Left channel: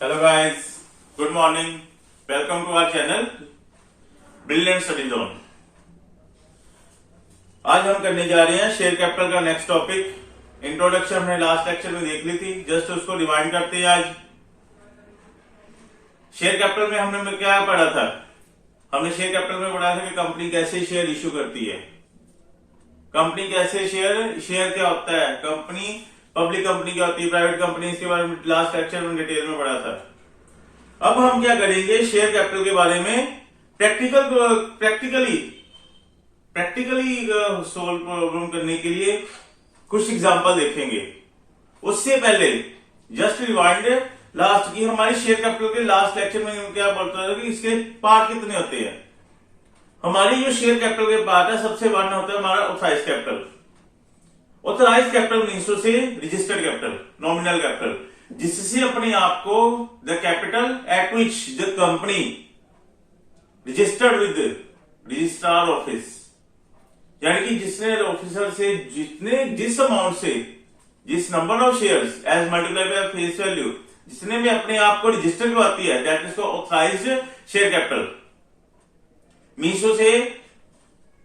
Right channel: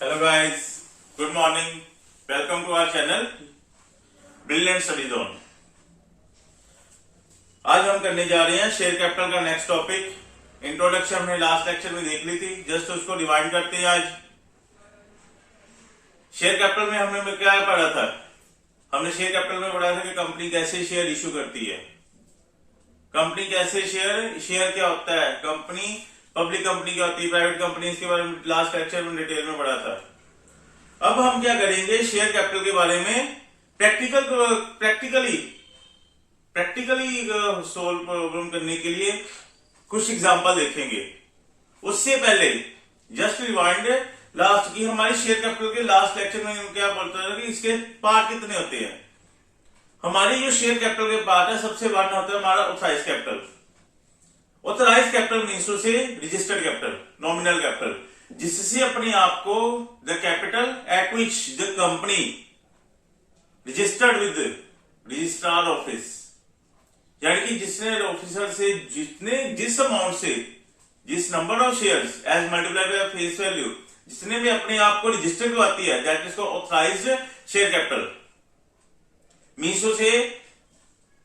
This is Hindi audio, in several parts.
Hello guys, good morning. Welcome to our channel brilliant study zone. आज हम करने जा रहे हैं शेयर कैपिटल का नेक्स्ट टॉपिक। इंट्रोडक्शन हमने लास्ट लेक्चर में देख ली थी, जस्ट उसको रिवाइंड करते हैं। आज शेयर कैपिटल में हमने क्या पढ़ा था? हमने शेयर कैपिटल में पढ़ा था कि कंपनी कैसे शेयर इश्यू करती है। कंपनी कैसे शेयर क्या होता है, कंपनी पब्लिक कंपनी क्या होती है, प्राइवेट कंपनी, इसके बारे में लास्ट लेक्चर में डिटेल में पढ़ा था। अब हम क्या करेंगे, शेयर कैपिटल के बारे में प्रैक्टिकली सोल्व प्रॉब्लम करने के लिए कुछ एग्जांपल देखेंगे। उससे पहले जस्ट रिवाइंड लास्ट की हमारी शेयर कैपिटल के लास्ट लेक्चर में क्या बोलता था कि इसके पार्ट कितने होते हैं। हमारी जो शेयर कैपिटल के पार्ट है, सबसे बड़ा होता है हमारा authorised capital. Authorised capital means to say registered capital, nominal capital, जिससे अपने आप को the capital at which the company registered with registrar office, यानी कि जिसने ऑफिसर से जिस अमाउंट से जिस number of shares as multiply by face value जिसने भी अपने आप को रजिस्टर करवाती है, that is authorised share capital. Means to say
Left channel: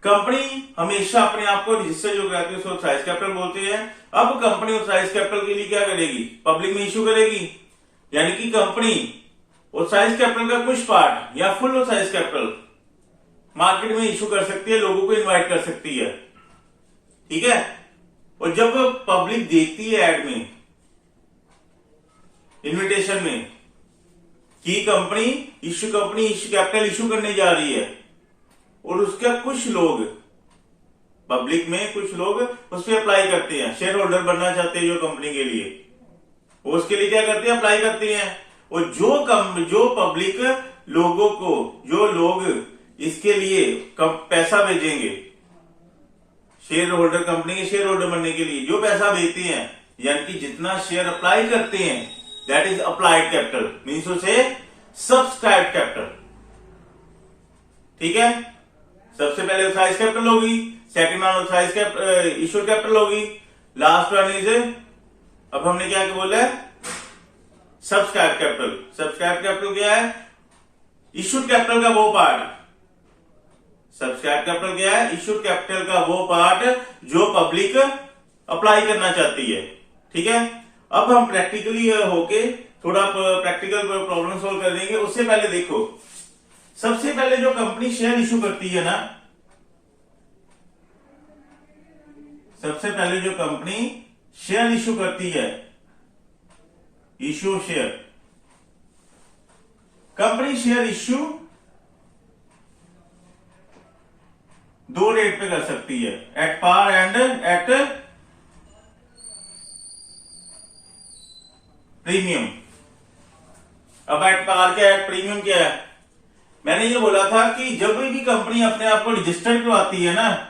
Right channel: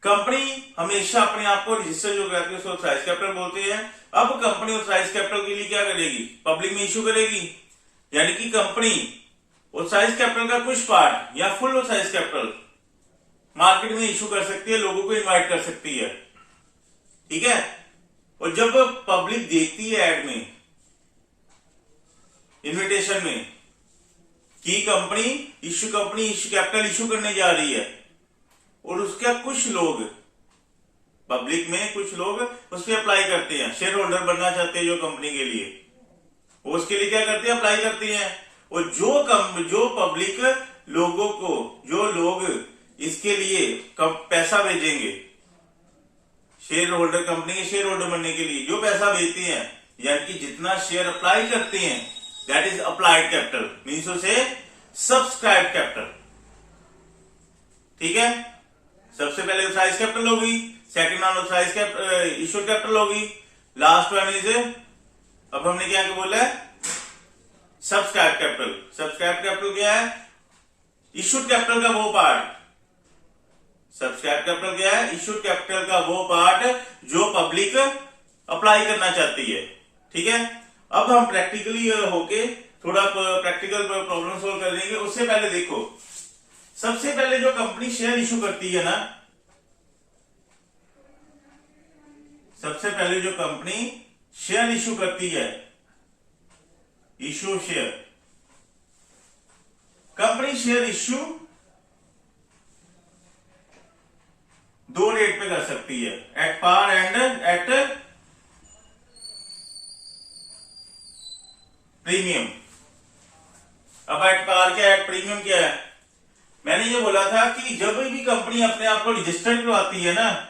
company हमेशा अपने आप को रजिस्टर जो कराती है उसको ऑथराइज्ड कैपिटल बोलते हैं। अब कंपनी ऑथराइज्ड कैपिटल के लिए क्या करेगी, पब्लिक में इश्यू करेगी, यानी कि कंपनी ऑथराइज्ड कैपिटल का कुछ पार्ट या फुल ऑथराइज्ड कैपिटल मार्केट में इश्यू कर सकती है, लोगों को इनवाइट कर सकती है। ठीक है, और जब पब्लिक देखती है एड में, इन्विटेशन में कि कंपनी इश्यू कैपिटल इश्यू करने जा रही है, और उसका कुछ लोग पब्लिक में कुछ लोग उस पर अप्लाई करते हैं, शेयर होल्डर बनना चाहते हैं जो कंपनी के लिए, वो उसके लिए क्या करते हैं, अप्लाई करते हैं। और जो पब्लिक लोगों को, जो लोग इसके लिए पैसा भेजेंगे, शेयर होल्डर, कंपनी के शेयर होल्डर बनने के लिए जो पैसा भेजते हैं, यानी कि जितना शेयर अप्लाई करते हैं, that is applied capital, means उसे सब्सक्राइब कैपिटल। ठीक है, सबसे पहले ऑथराइज्ड कैपिटल होगी, second one authorised issued capital होगी, लास्ट वन इज, अब हमने क्या बोला है, सब्सक्राइब कैपिटल। सब्सक्राइब कैपिटल क्या है, इश्यूड कैपिटल का वो पार्ट। सब्सक्राइब कैपिटल क्या है, इश्यूड कैपिटल का वो पार्ट जो पब्लिक अप्लाई करना चाहती है। ठीक है, अब हम प्रैक्टिकली होके थोड़ा प्रैक्टिकल प्रॉब्लम सोल्व कर देंगे। उससे पहले देखो, सबसे पहले जो कंपनी शेयर इशू करती है ना, सबसे पहले जो कंपनी शेयर इशू करती है, issue share, company share issue दो रेट पे कर सकती है, at par and at premium. अब एट पार क्या है, एट प्रीमियम क्या है? मैंने ये बोला था कि जब भी कंपनी अपने आप को रजिस्टर्ड करवाती है ना,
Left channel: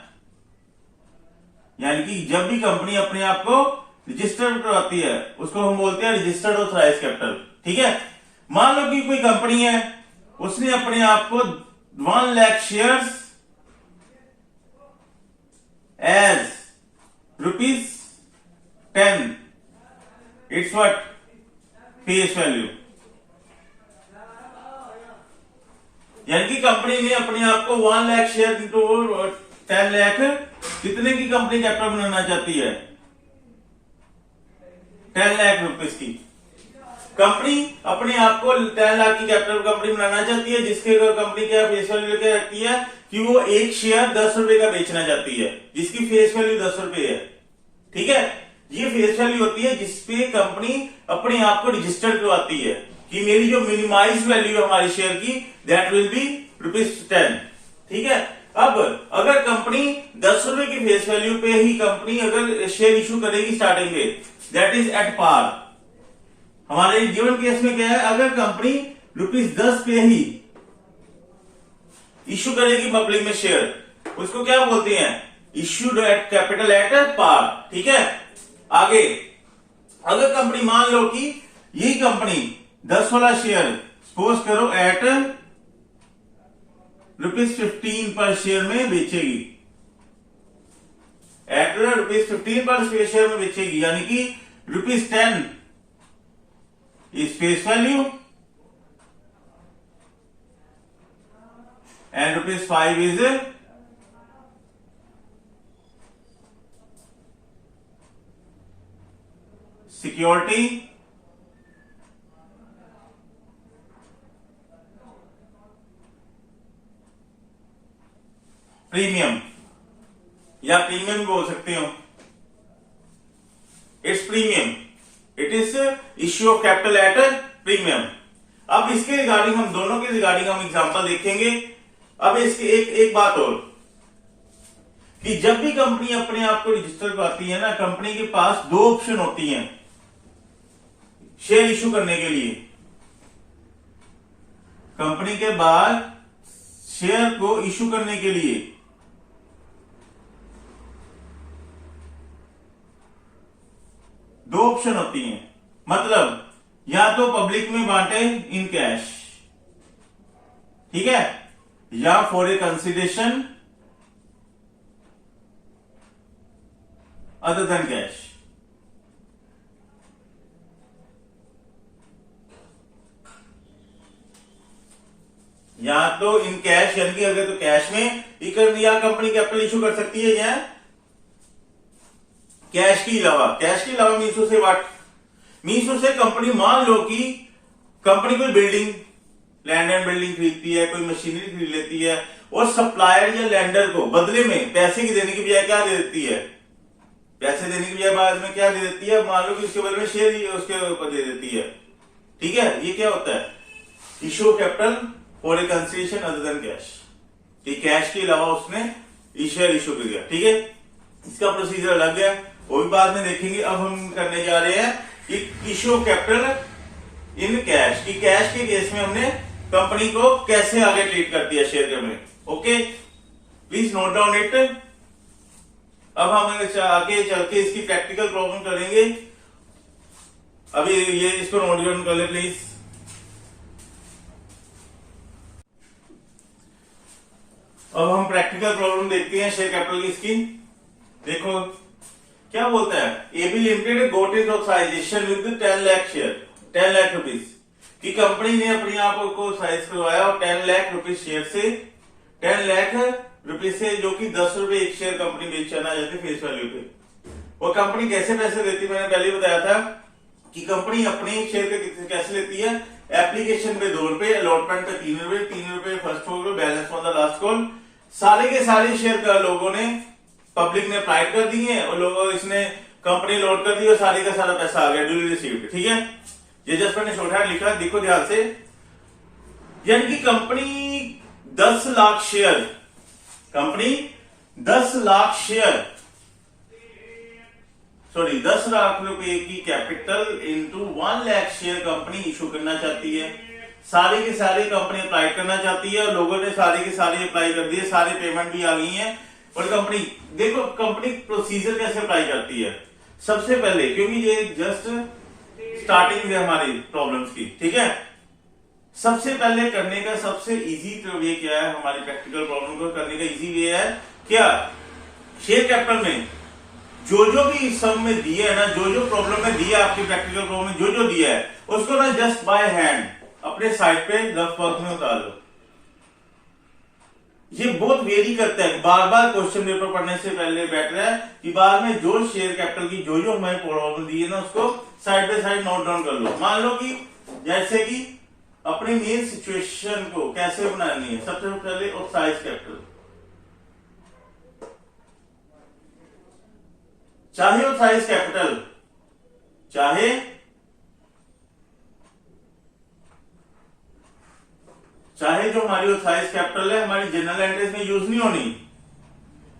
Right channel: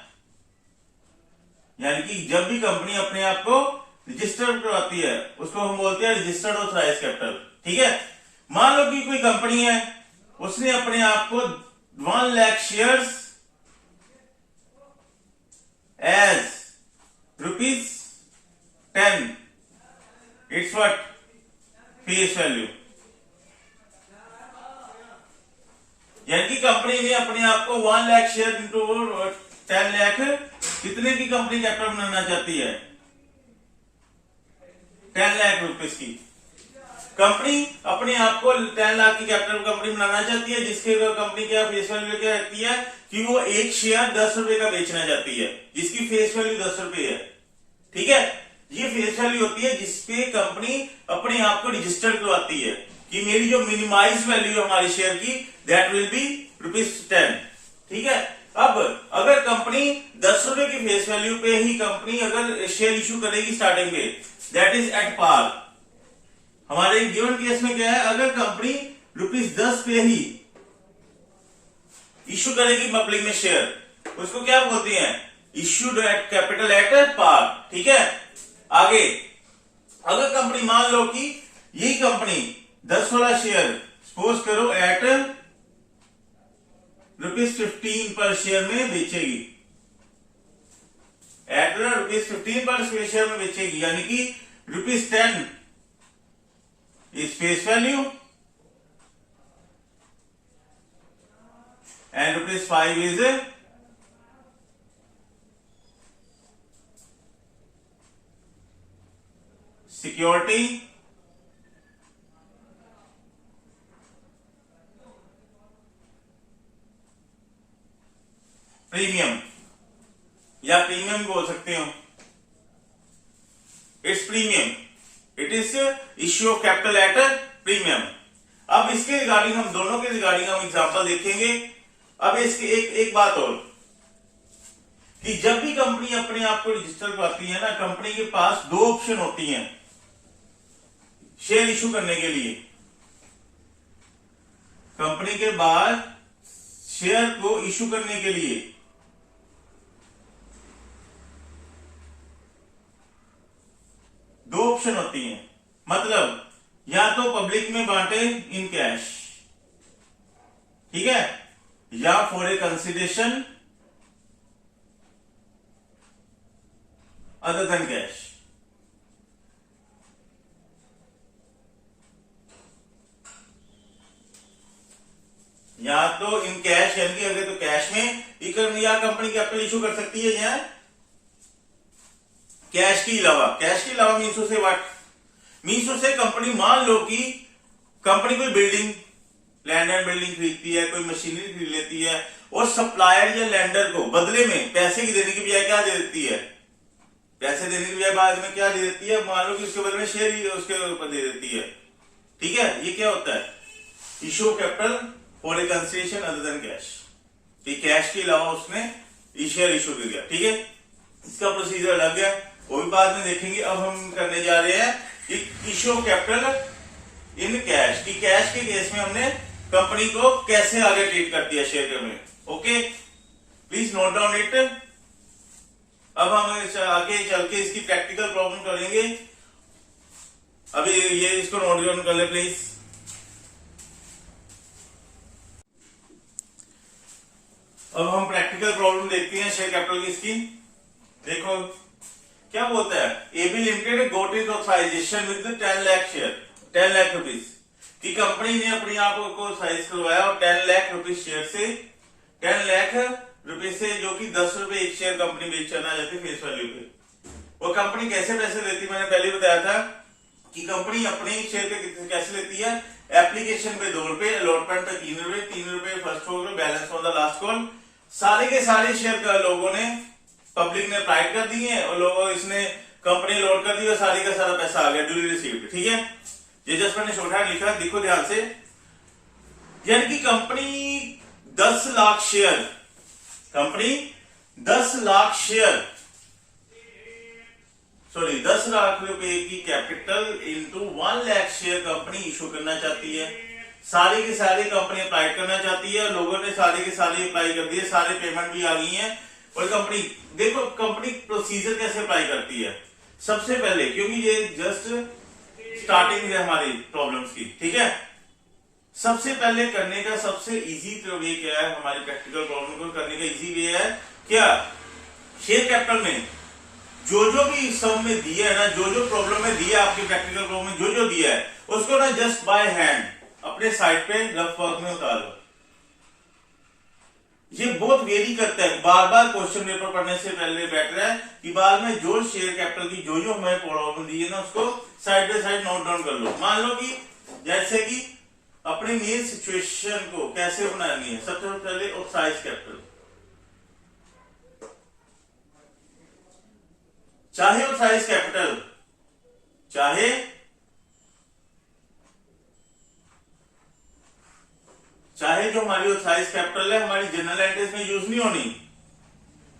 यानी कि जब भी कंपनी अपने आप को रजिस्टर्ड करवाती है, उसको हम बोलते हैं रजिस्टर्ड ऑथराइज्ड कैपिटल। ठीक है, मान लो कि कोई कंपनी है, उसने अपने आप को 1 lakh shares as ₹10, it's what, face value, यानी कि कंपनी ने अपने आप को 1 लाख शेयर इंटू 10 लाख कितने की कंपनी कैपिटल बनाना चाहती है, 10 लाख रुपीस की। कंपनी अपने आप को 10 लाख की कैपिटल कंपनी बनाना चाहती है, जिसके कंपनी क्या फेस वैल्यू क्या रखती है कि वो एक शेयर 10 रुपए का बेचना चाहती है, जिसकी फेस वैल्यू 10 रुपए है। ठीक है, ये फेस वैल्यू होती है जिसपे कंपनी अपने आप को रजिस्टर करवाती है कि मेरी जो मिनिमाइज वैल्यू है हमारी शेयर की, दैट विल बी ₹10। ठीक है, अब अगर कंपनी 10 रुपए की फेस वैल्यू पे ही कंपनी अगर शेयर इशू करेगी स्टार्टिंग में, दैट इज एट पार। हमारे गिवन केस में क्या है, अगर कंपनी ₹10 पे ही इशू करेगी पब्लिक में शेयर, उसको क्या बोलते हैं, issued at capital at par. ठीक है, आगे अगर कंपनी मान लो कि यही कंपनी 10 वाला शेयर सपोज करो एट ₹15 पर शेयर में बेचेगी, एट ₹15 पर शेयर में बेचेगी, यानी कि ₹10 is face value and rupees 5 is security premium या प्रीमियम बोल सकते हो। It's premium, it is issue of capital eight premium. अब इसके रिगार्डिंग हम दोनों के रिगार्डिंग हम एग्जांपल देखेंगे। अब इसकी एक बात और कि जब भी कंपनी अपने आप को रजिस्टर करवाती है ना, कंपनी के पास दो ऑप्शन होती हैं शेयर इशू करने के लिए। कंपनी के बाद शेयर को इशू करने के लिए दो ऑप्शन होती हैं, मतलब या तो पब्लिक में बांटे इन कैश, ठीक है, या for a consideration other than cash. या तो इन कैश, यानी कि अगर तो कैश में या कंपनी कैपिटल इशू कर सकती है या कैश के अलावा। कैश के अलावा मीन्स से व्हाट, मीन्स से कंपनी, मान लो कि कंपनी कोई बिल्डिंग, लैंड एंड बिल्डिंग खरीदती है, कोई मशीनरी खरीद लेती है और सप्लायर या लैंडर को बदले में पैसे की देने की बजाय क्या दे देती है, पैसे देने की बजाय बाद में क्या दे देती है, मान लो कि उसके बदले में शेयर ही उसके ऊपर दे देती है। ठीक है, ये क्या होता है, issue capital for a consideration other than cash. Cash के अलावा उसने शेयर इशू कर दिया। ठीक है, इसका प्रोसीजर अलग है, वो भी बाद में देखेंगे। अब हम करने जा रहे हैं कि इशू कैपिटल इन कैश, की कैश के केस में हमने कंपनी को कैसे आगे ट्रीट कर दिया share company. Okay, please note down it. अब हम आगे चल के इसकी प्रैक्टिकल प्रॉब्लम करेंगे। अभी ये इसको नोट डाउन कर ले प्लीज। अब हम प्रैक्टिकल प्रॉब्लम देखते हैं शेयर कैपिटल की। इसकी देखो क्या बोलता है, AB limited got is authorisation with 10 lakh share, 10 lakh rupees की कंपनी ने अपने आप को साइज करवाया और 10 लाख रुपीज शेयर से, 10 लाख रुपीज से, जो कि 10 रुपए एक शेयर कंपनी बेचना जाती फेस वैल्यू पे। वो कंपनी कैसे पैसे देती, मैंने पहले बताया था कि कंपनी अपने शेयर पे कैसे लेती है, एप्लीकेशन पे 2 रुपए, अलॉटमेंट पे 3 रुपए, 3 रुपए first call, balance on the last call. सारे के सारे शेयर का लोगों ने, पब्लिक ने अप्लाई कर दिए और लोगों इसने कंपनी लोड कर दी और सारे का सारा पैसा आ गया, ड्यूली रिसीव्ड। ठीक है, ये जस्ट मैंने शॉर्ट लिखा, देखो ध्यान से। यानी कि company 10 lakh share, company 10 lakh share, sorry 10 lakh रुपए की capital into 1 lakh share company issue करना चाहती है। सारे के सारे कंपनी अप्लाई करना चाहती है और लोगों ने सारे के सारे अप्लाई कर दिए, सारे पेमेंट भी आ गई है। और कंपनी, देखो कंपनी प्रोसीजर कैसे अप्लाई करती है। सबसे पहले, क्योंकि ये जस्ट स्टार्टिंग है हमारी प्रॉब्लम्स की, ठीक है, सबसे पहले करने का सबसे इजी वे क्या है, हमारी प्रैक्टिकल प्रॉब्लम को करने का इजी वे है क्या, शेयर कैपिटल में जो भी सम में दिया है ना, जो प्रॉब्लम में दिया, आपकी प्रैक्टिकल प्रॉब्लम में जो दिया है, उसको ना जस्ट बाय हैंड अपने साइड पे रफ वर्क में उतार लो। ये बहुत वेरी करता है, बार बार क्वेश्चन पेपर पढ़ने से पहले बेटर है कि बाद में जो शेयर कैपिटल की जो हमें प्रॉब्लम दी है ना, उसको side by side note down कर लो। मान लो कि जैसे कि अपनी मेन सिचुएशन को कैसे बनानी है, सबसे पहले ऑथराइज कैपिटल, चाहे ऑथराइज कैपिटल, चाहे जो हमारी ऑथराइज कैपिटल है हमारी जनरल एंट्रीज में यूज नहीं होनी,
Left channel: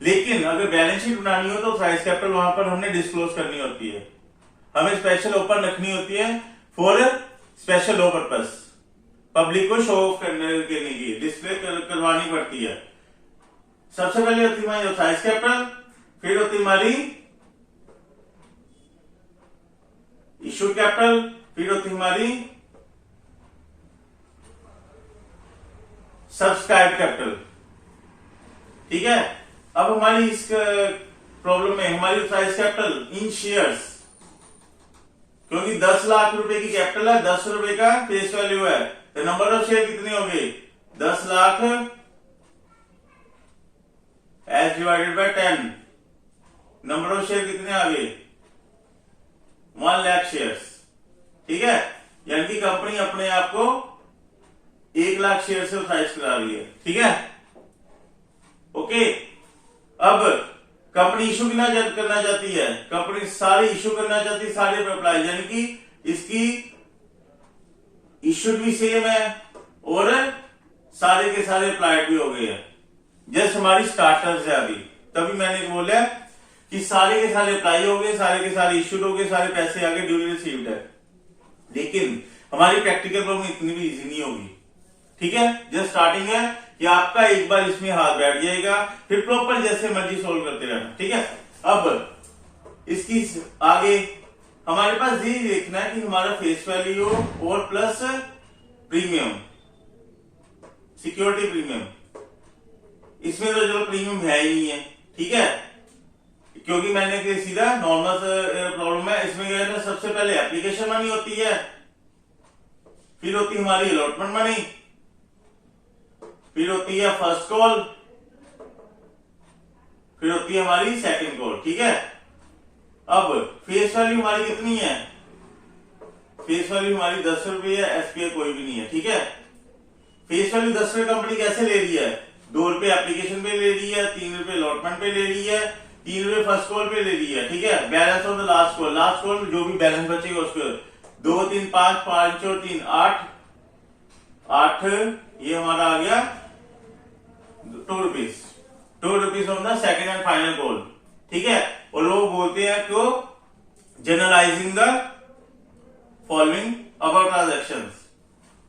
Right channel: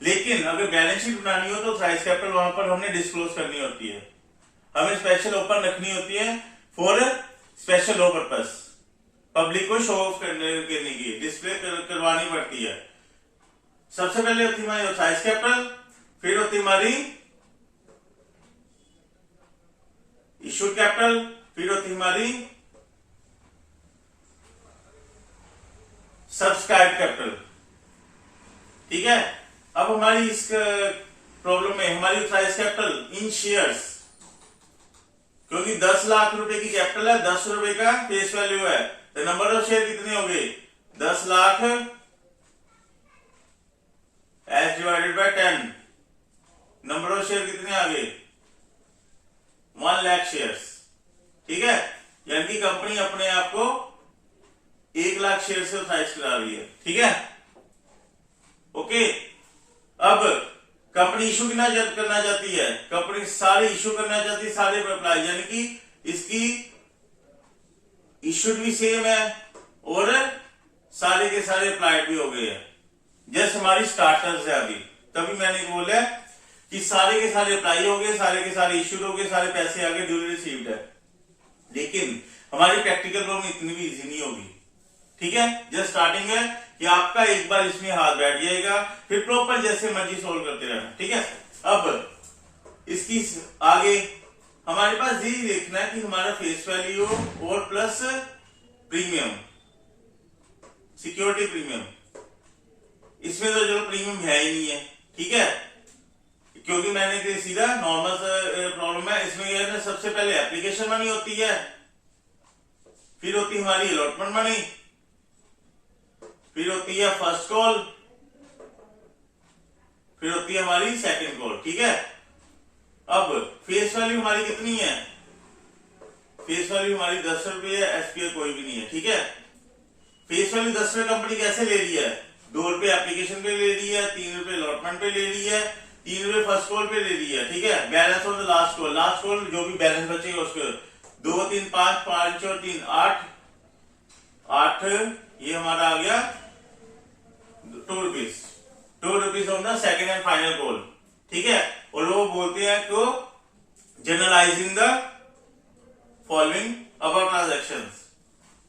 लेकिन अगर बैलेंस शीट बनानी हो तो ऑथराइज कैपिटल वहां पर हमने डिस्क्लोज करनी होती है, हमें स्पेशल ओपन रखनी होती है for special low purpose, public को शो ऑफ करने की, डिस्प्ले करवानी पड़ती है। सबसे पहले होती हमारी ऑथराइज कैपिटल, फिर होती हमारी इश्यूड कैपिटल, फिर होती हमारी सब्सक्राइब कैपिटल। ठीक है, अब हमारी इस प्रॉब्लम में हमारी ऑथराइज कैपिटल इन शेयर्स, क्योंकि 10 लाख रुपए की कैपिटल है, 10 रुपए का फेस वैल्यू है, तो नंबर ऑफ शेयर कितने हो गए? 10 lakh as divided by 10, number of share कितने आ गए? 1 लाख शेयर्स। ठीक है, यानी कि कंपनी अपने आप को 1 लाख शेयर से ऑथराइज करा रही है। ठीक है, ओके। अब कंपनी इशू करना चाहती है, कंपनी सारे इशू करना चाहती है, सारे पे अप्लाई, यानी कि इसकी इशू भी सेम है और सारे के सारे अप्लाइड भी हो गए हैं। जैसे हमारी स्टार्टर्स है अभी, तभी मैंने बोला कि सारे के सारे अप्लाई हो गए, सारे के सारे इश्यूड हो गए, सारे पैसे आगे ड्यूली रिसीव्ड है। लेकिन हमारी प्रैक्टिकल प्रॉब्लम इतनी भी इजी नहीं होगी। ठीक है, जस्ट स्टार्टिंग है कि आपका एक बार इसमें हाथ बैठ जाएगा, फिर प्रॉपर जैसे मर्जी सोल्व करते रहना। ठीक है, अब इसकी आगे हमारे पास यही देखना है कि हमारा फेस वैल्यू और प्लस प्रीमियम, सिक्योरिटी प्रीमियम, इसमें तो चलो प्रीमियम है ही नहीं है। ठीक है, क्योंकि मैंने सीधा नॉर्मल प्रॉब्लम है। इसमें क्या है, सबसे पहले एप्लीकेशन मनी होती है, फिर होती है हमारी अलॉटमेंट मनी, फिर होती है फर्स्ट कॉल, फिर होती है हमारी सेकंड कॉल। ठीक है, अब फेस वैल्यू हमारी कितनी है? फेस वैल्यू हमारी 10 रुपये है, एसपीआई कोई भी नहीं है। ठीक है, फेस वैल्यू 10 रुपये कंपनी कैसे ले रही है? 2 रुपये एप्लीकेशन पे ले रही है, 3 रुपये अलॉटमेंट पे ले रही है, 3 रुपये फर्स्ट कॉल पे ले रही है। ठीक है, balance of the last call, last call जो भी बैलेंस बचेगा उसको 2 3 5 5 और 3 8 8, ये हमारा आ गया 2 rupees, 2 rupees of the second and final call. ठीक है, और वो बोलते हैं कि generalising the following about transactions.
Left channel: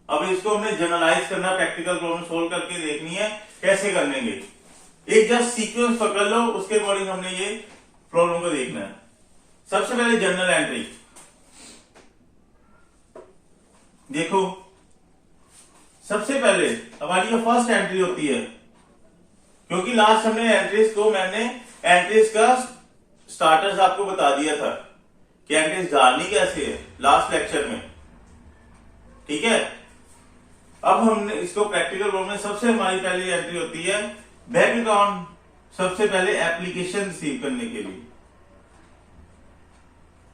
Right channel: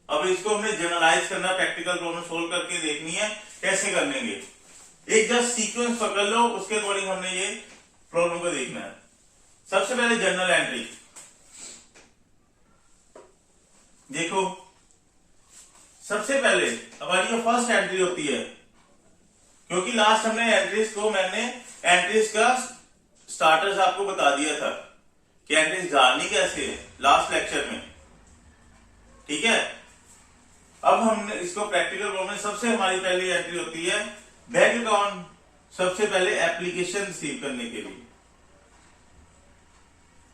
अब इसको हमने जनरलाइज करना, प्रैक्टिकल प्रॉब्लम सोल्व करके देखनी है कैसे करेंगे। एक जस्ट सीक्वेंस पकड़ लो, उसके अकॉर्डिंग हमने ये प्रॉब्लम को देखना है। सबसे पहले जर्नल एंट्री देखो, सबसे पहले हमारी जो फर्स्ट एंट्री होती है, क्योंकि लास्ट हमने एंट्रीज का स्टार्टर्स आपको बता दिया था कि एंट्रीज डालनी कैसे है लास्ट लेक्चर में। ठीक है, अब हमने इसको प्रैक्टिकल प्रॉब्लम में सबसे हमारी पहली एंट्री होती है बैंक अकाउंट, सबसे पहले एप्लीकेशन रिसीव करने के लिए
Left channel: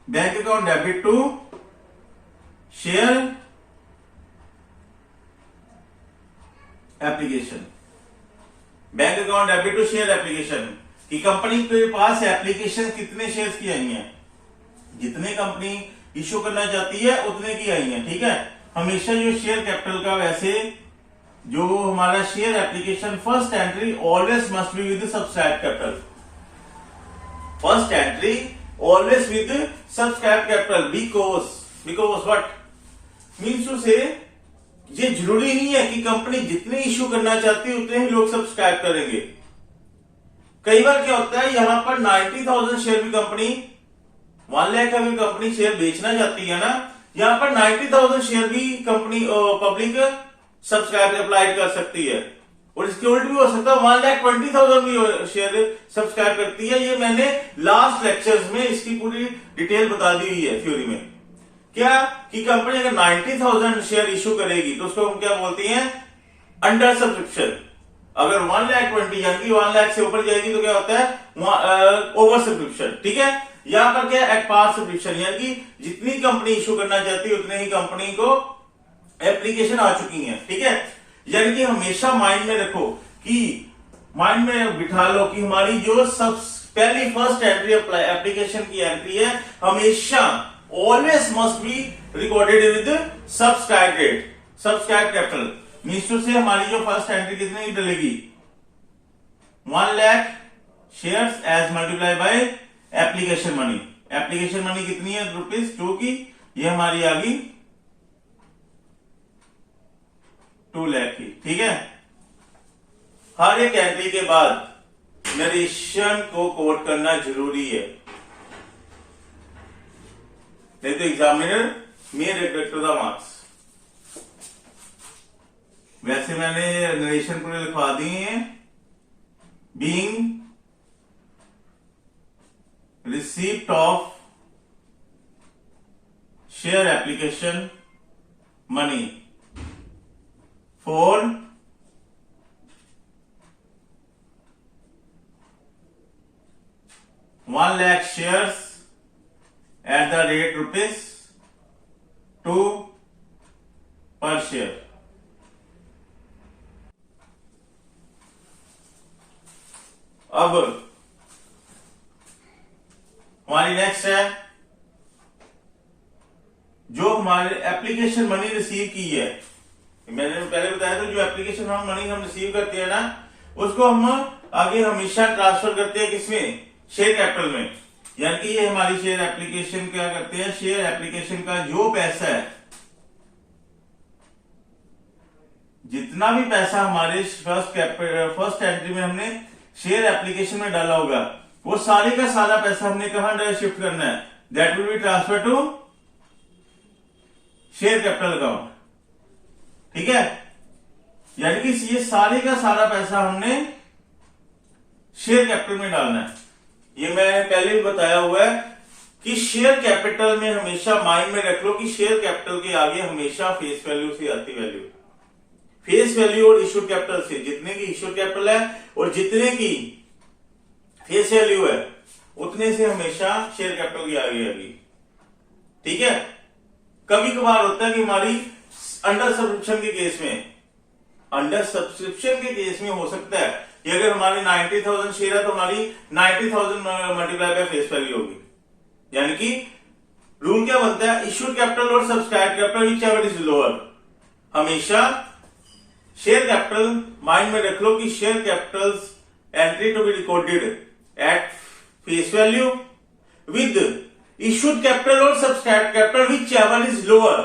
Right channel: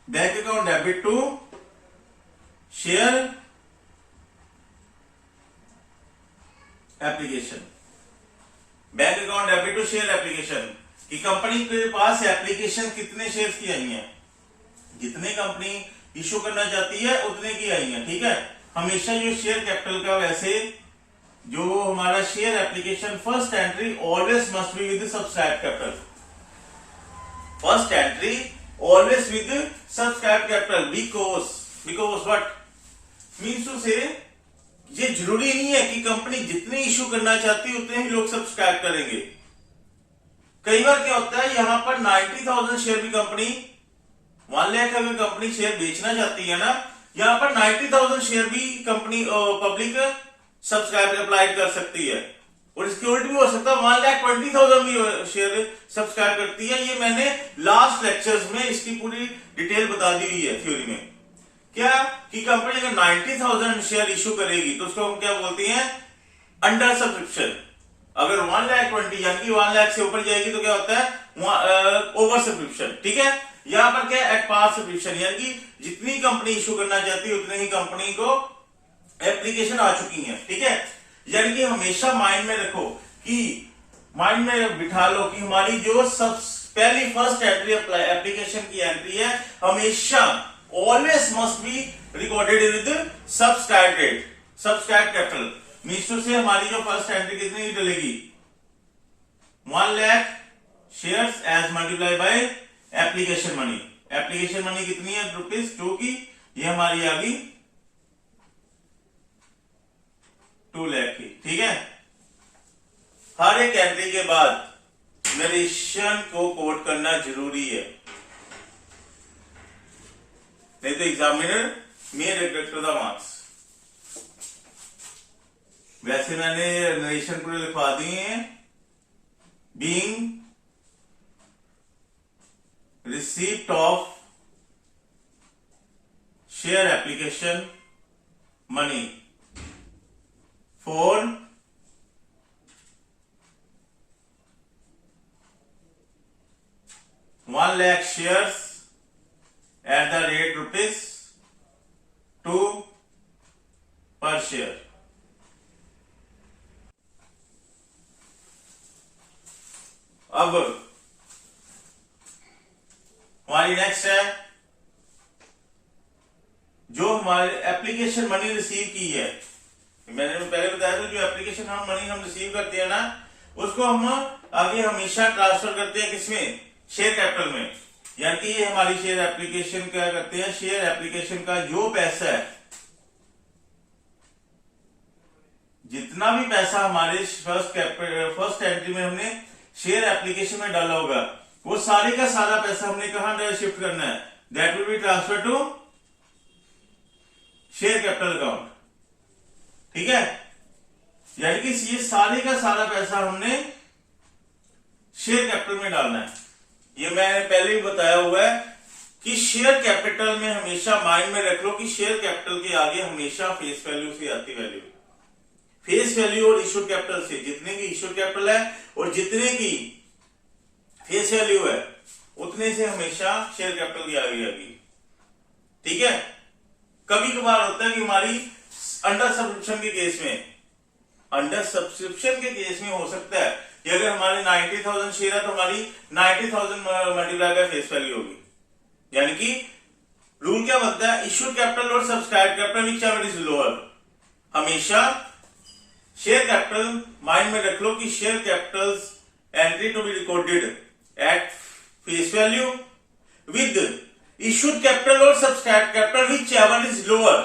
bank account debit to share application, bank account debit to share application की कंपनी के पास एप्लीकेशन कितने शेयर्स की आई हैं, जितने कंपनी इश्यू करना चाहती है उतने की आई हैं। ठीक है, हमेशा जो शेयर कैपिटल का, वैसे जो हमारा share application first entry always must be with subscribe capital, first entry always with subscribe capital, because what means to say ये जरूरी नहीं है कि कंपनी जितने इश्यू करना चाहती है उतने ही लोग सब्सक्राइब करेंगे। कई बार क्या होता है, यहां पर 90,000 शेयर भी कंपनी, 1 लाख का भी कंपनी शेयर बेचना चाहती है ना, यहां पर 90,000 शेयर भी कंपनी पब्लिक सब्सक्राइब अप्लाई कर सकती है, और इसके उल्ट भी हो सकता है 1,20,000 भी शेयर सब्सक्राइब करती है। ये मैंने लास्ट लेक्चर्स में इसकी पूरी डिटेल बता दी हुई है थ्योरी में। क्या कि कंपनी अगर 90,000 शेयर इशू करेगी तो उसको हम क्या बोलते हैं, अंडर सब्सक्रिप्शन। अगर 1,20,000 यानी कि 1 लाख से ऊपर जाएगी तो क्या होता है, ओवर सब्सक्रिप्शन। ठीक है, यहां पर क्या एट पार सब्सक्रिप्शन, यानी कि जितनी कंपनी इशू करना चाहती है उतने ही कंपनी को एप्लीकेशन आ चुकी है। ठीक है, यानी कि हमेशा माइंड में रखो, कि माइंड में बिठा लो कि हमारी जो पहली फर्स्ट एंट्री एप्लीकेशन की एंट्री है, हमेशा always must be recorded with subscribe date, subscribe capital. Means to say हमारी जो फर्स्ट एंट्री कितने की डलेगी, 1 lakh shares as multiply by application money. Application money कितनी है, ₹2 की, ये हमारी आ गई 2 लाख की। ठीक है, हर एक एंट्री के बाद नरेशन को कोट करना जरूरी है, नहीं तो examiner may reject the marks. वैसे मैंने नरेशन पूरे लिखवा दिए हैं, being receipt of share application money for 1 lakh shares at the rate ₹2 per share. अब हमारी नेक्स्ट है, जो हमारे एप्लीकेशन मनी रिसीव की है, मैंने पहले बताया था जो एप्लीकेशन मनी हम रिसीव करते हैं ना, उसको हम आगे हमेशा ट्रांसफर करते हैं किसमें, शेयर कैपिटल में। यानी कि ये हमारी शेयर एप्लीकेशन क्या करते हैं, शेयर एप्लीकेशन का जो पैसा है, जितना भी पैसा हमारे फर्स्ट एंट्री में हमने शेयर एप्लीकेशन में डाला होगा, वो सारे का सारा पैसा हमने कहां शिफ्ट करना है, that will be transfer to share capital account. ठीक है, यानी कि ये सारे का सारा पैसा हमने शेयर कैपिटल में डालना है। ये मैं पहले भी बताया हुआ है कि शेयर कैपिटल में हमेशा माइंड में रख लो कि शेयर कैपिटल के आगे हमेशा फेस वैल्यू से आती वैल्यू, फेस वैल्यू और इश्यूड कैपिटल से, जितने की इश्यूड कैपिटल है और जितने की फेस वैल्यू है उतने से हमेशा शेयर कैपिटल की आगे आएगी। ठीक है, कभी कभार होता है कि हमारी अंडर सब्सक्रिप्शन के केस में, अंडर सब्सक्रिप्शन के केस में हो सकता है कि अगर हमारी 90,000 शेयर है तो हमारी 90,000 मल्टीप्लाई बाय फेस वैल्यू होगी। यानी कि रूल क्या बनता है, इश्यूड कैपिटल और subscribe capital whichever is lower, हमेशा शेयर कैपिटल माइंड में रख लो कि share capital entry to be recorded at face value with issued capital और subscribe capital whichever is lower,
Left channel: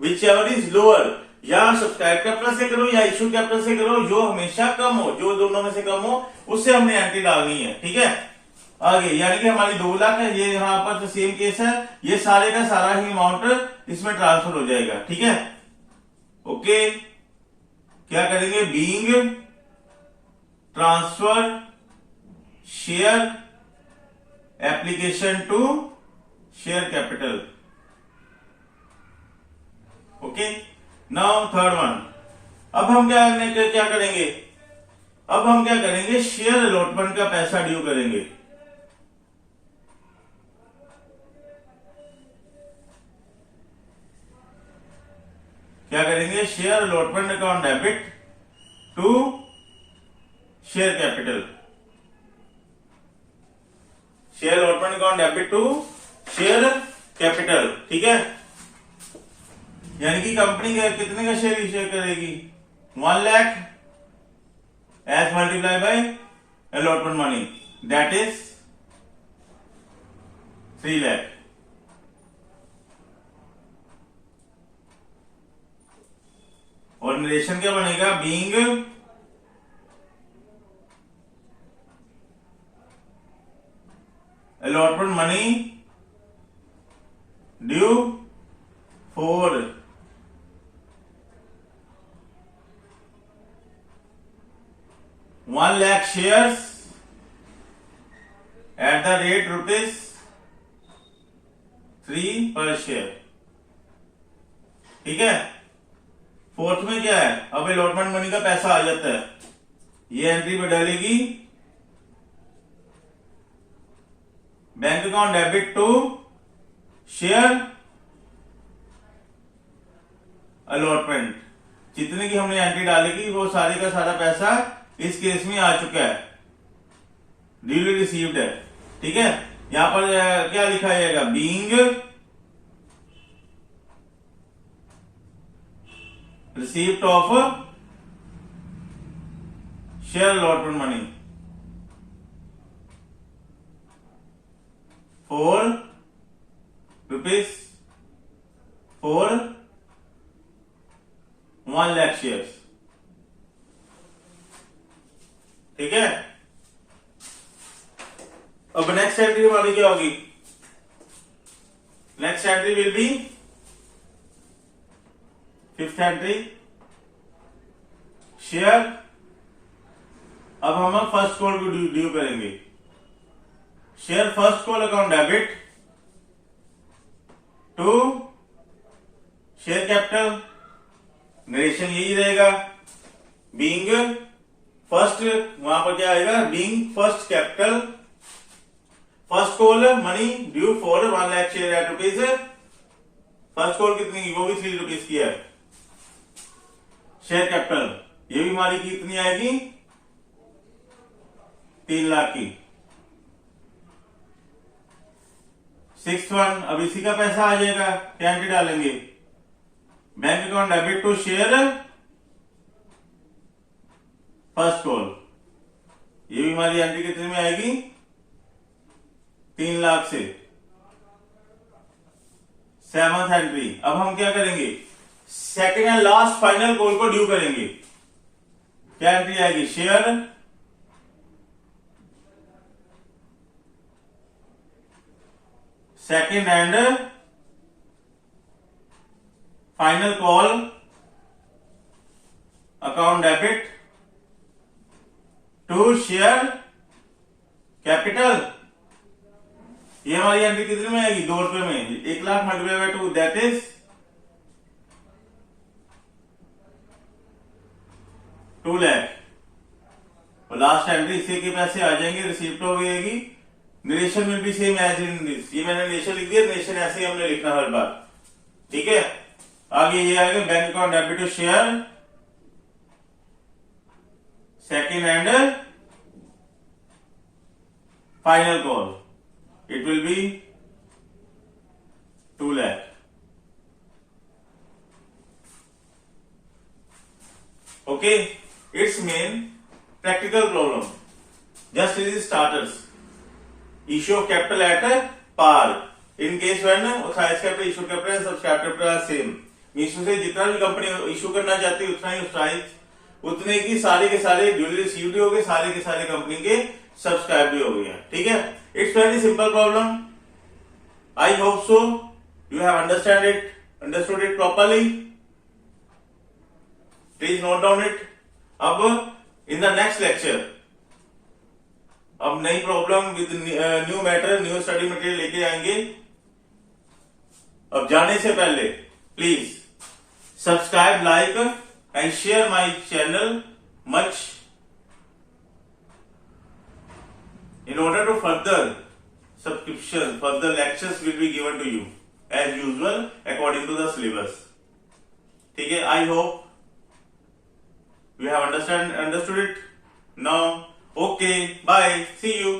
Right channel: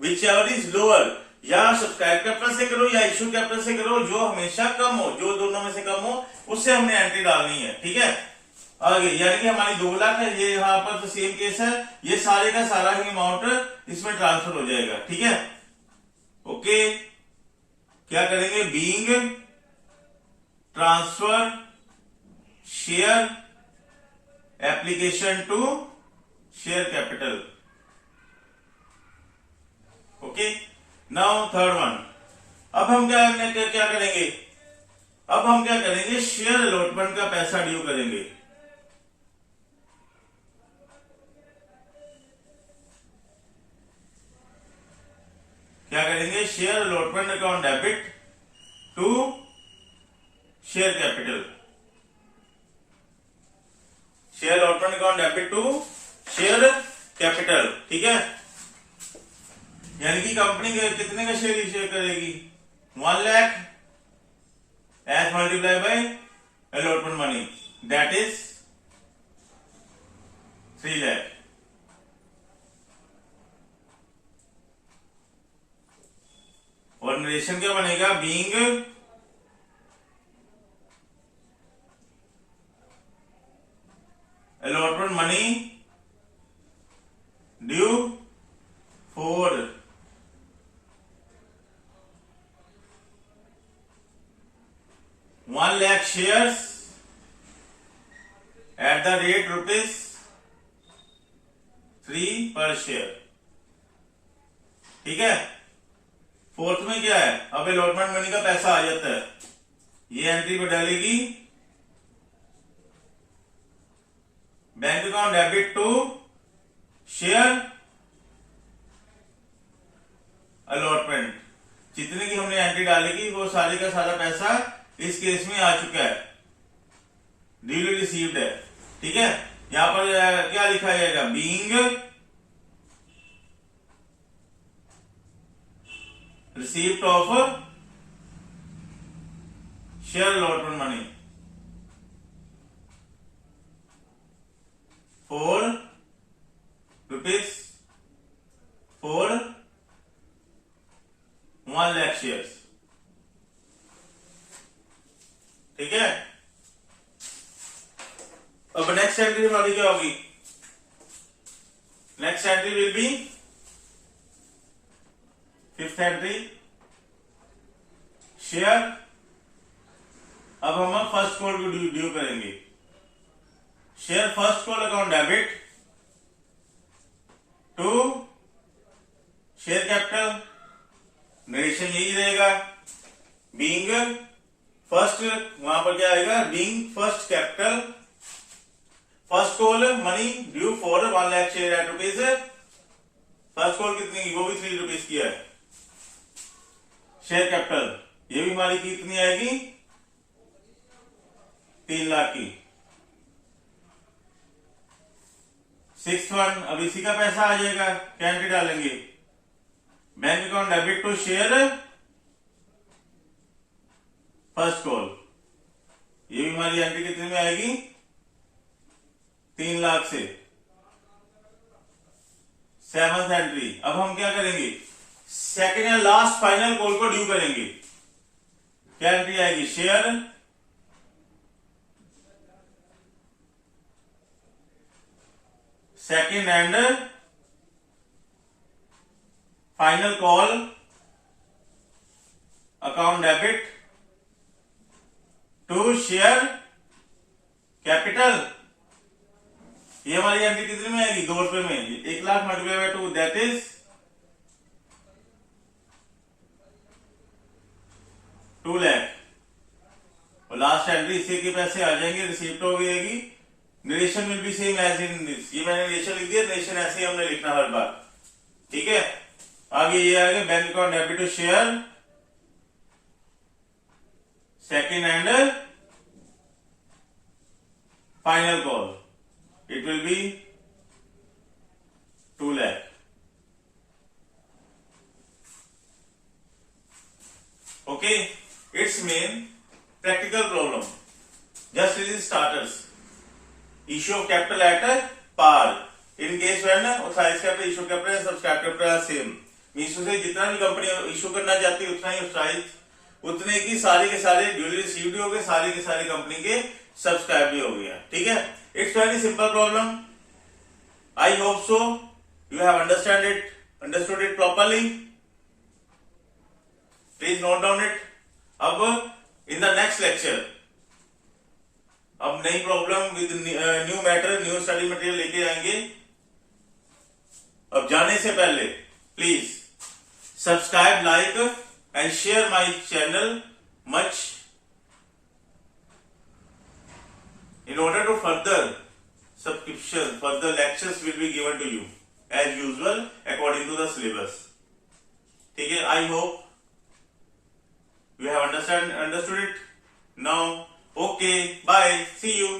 whichever is lower, या सब्सक्राइब कैपिटल से करो या इश्यू कैपिटल से करो, जो हमेशा कम हो, जो दोनों में से कम हो उससे हमने एंट्री डालनी है। ठीक है, आगे यानी कि हमारी 2 लाख है, ये यहां पर तो सेम केस है, ये सारे का सारा ही अमाउंट इसमें ट्रांसफर हो जाएगा। ठीक है, ओके, क्या करेंगे, being transfer share application to share capital. Okay, now third one, अब हम क्या करेंगे, अब हम क्या करेंगे, शेयर अलॉटमेंट का पैसा ड्यू करेंगे। क्या करेंगे, share allotment account debit to share capital, share allotment account debit to share capital. ठीक है, यानी कि कंपनी कितने का शेयर इश्यू करेगी, 1 lakh as multiply by allotment money, that is 3 lakh. और नरेशन क्या बनेगा, being allotment money due for 1 lakh shares at the rate ₹3 per share। ठीक है, फोर्थ में क्या है, अब अलॉटमेंट मनी का पैसा आ जाता है, ये एंट्री में डालेगी bank account debit to share allotment, जितने की हमने एंट्री डालेगी वो सारे का सारा पैसा इस केस में आ चुका है, ड्यूली रिसीव्ड है। ठीक है, यहां पर क्या लिखा जाएगा, being receipt of share allotment money for 1 lakh shares. ठीक है, अब नेक्स्ट एंट्री हमारी क्या होगी, next entry will be 5th entry share. अब हम फर्स्ट कॉल को ड्यू करेंगे, share first call account debit to share capital, narration यही रहेगा। बीइंग फर्स्ट, वहां पर क्या आएगा, being first capital, first call money due for 1 lakh share at rupees. First call कितनी, वो भी 3 रुपीज की है। शेयर कैपिटल ये भी हमारी कितनी आएगी, 3 लाख की। 6th वन, अब इसी का पैसा आ जाएगा, क्या एंट्री डालेंगे, bank account debit to share first call, ये भी हमारी एंट्री कितने में आएगी, 3 लाख से। 7th एंट्री, अब हम क्या करेंगे, second and last final call को ड्यू करेंगे। क्या एंट्री आएगी, share second and final call account debit to share capital. ये हमारी एंट्री कितने में आएगी, 2 रुपए में। 1 lakh multiply by 2 that is 2 lakh. और लास्ट एंट्री इसी के पैसे आ जाएंगे, रिसीप्ट हो गई। Narration will be same as in this, ये मैंने नरेशन लिख दिया, नरेशन ऐसे ही हमने लिखना हर बार, ठीक है। आगे ये आएगा bank account debit to share second and final call, it will be 2 lakh. Okay, it's main practical problem, just it is starters. Issue of capital at par in case when authorized capital, issue capital and subscribed capital are same, means से जितना भी कंपनी इशू करना चाहती है उतना ही अथॉराइज उतने की सारे के सारे ड्यूली रिसीव्ड भी हो गए, सारे के सारे कंपनी के सब्सक्राइब भी हो गए हैं, ठीक है। It's very simple problem, I hope so you have understood it properly, please note down it. अब इन द नेक्स्ट लेक्चर अब नई problem with new matter, new study material लेके आएंगे। अब जाने से पहले please subscribe, like and share my channel much in order to further subscription, further lectures will be given to you as usual according to the syllabus, ठीक है। I hope you have understood it now. Okay, bye, see you.